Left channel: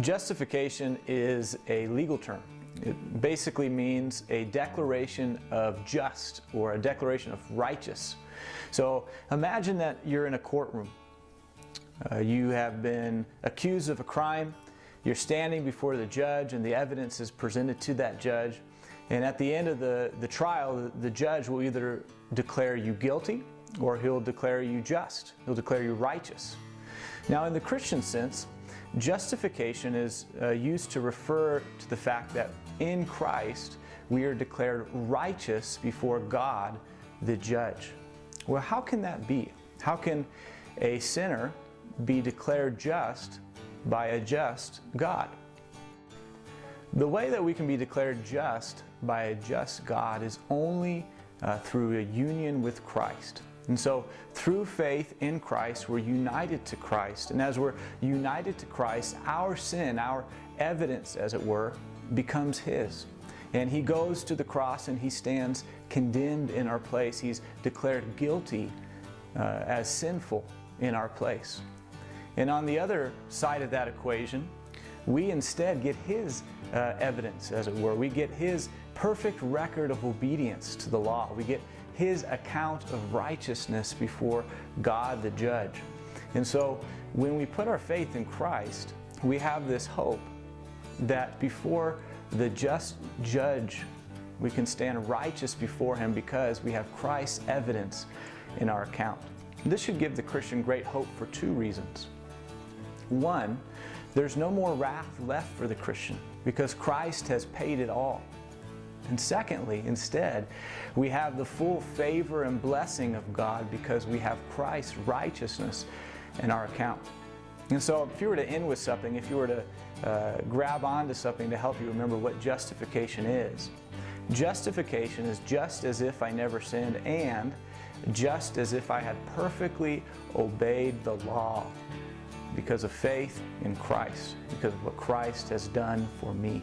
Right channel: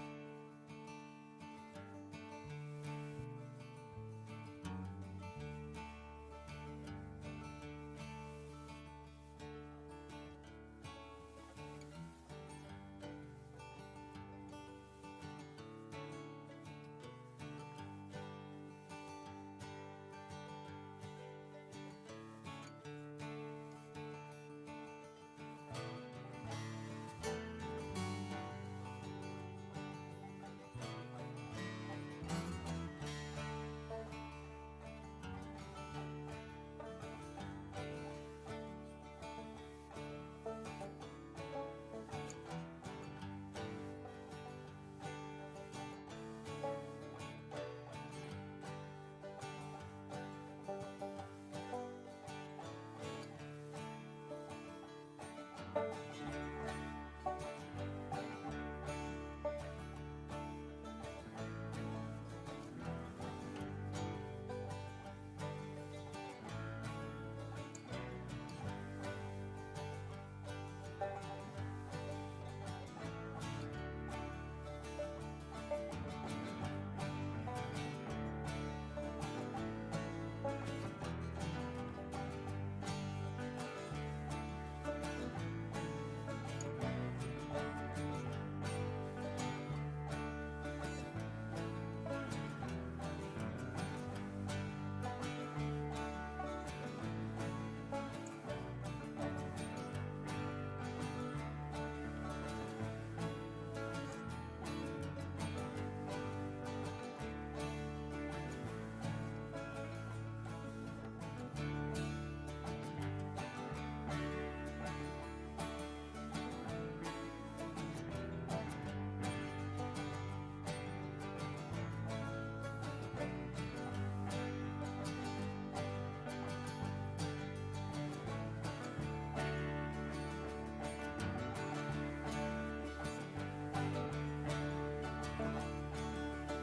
Justification is a legal term. It basically means a declaration of just or a declaration of righteous. So imagine that you're in a courtroom. You have been accused of a crime. You're standing before the judge and the evidence is presented to that judge. And at the end of the trial, the judge will either declare you guilty or he'll declare you just. He'll declare you righteous. Now in the Christian sense, justification is used to refer to the fact that in Christ we are declared righteous before God, the judge. Well, how can that be? How can a sinner be declared just by a just God? The way that we can be declared just by a just God is only through a union with Christ. And so through faith in Christ, we're united to Christ. And as we're united to Christ, our sin, our evidence, as it were, becomes His. And He goes to the cross and He stands condemned in our place. He's declared guilty as sinful in our place. And on the other side of that equation, we instead get His evidence, as it were. We get His perfect record of obedience to the law. We get His account of righteousness before God the judge. And so when we put our faith in Christ, we have this hope that before the just judge, we can stand righteous before Him because we have Christ's evidence in our account. This should give the Christian great hope for two reasons. One, there's no more wrath left for the Christian because Christ has paid it all. And secondly, instead, we have the full favor and blessing of God because we have Christ's righteousness in our account. And so if you were to end with something, if you were to grab onto something to help you remember what justification is, justification is just as if I never sinned and just as if I had perfectly obeyed the law because of faith in Christ, because of what Christ has done for me.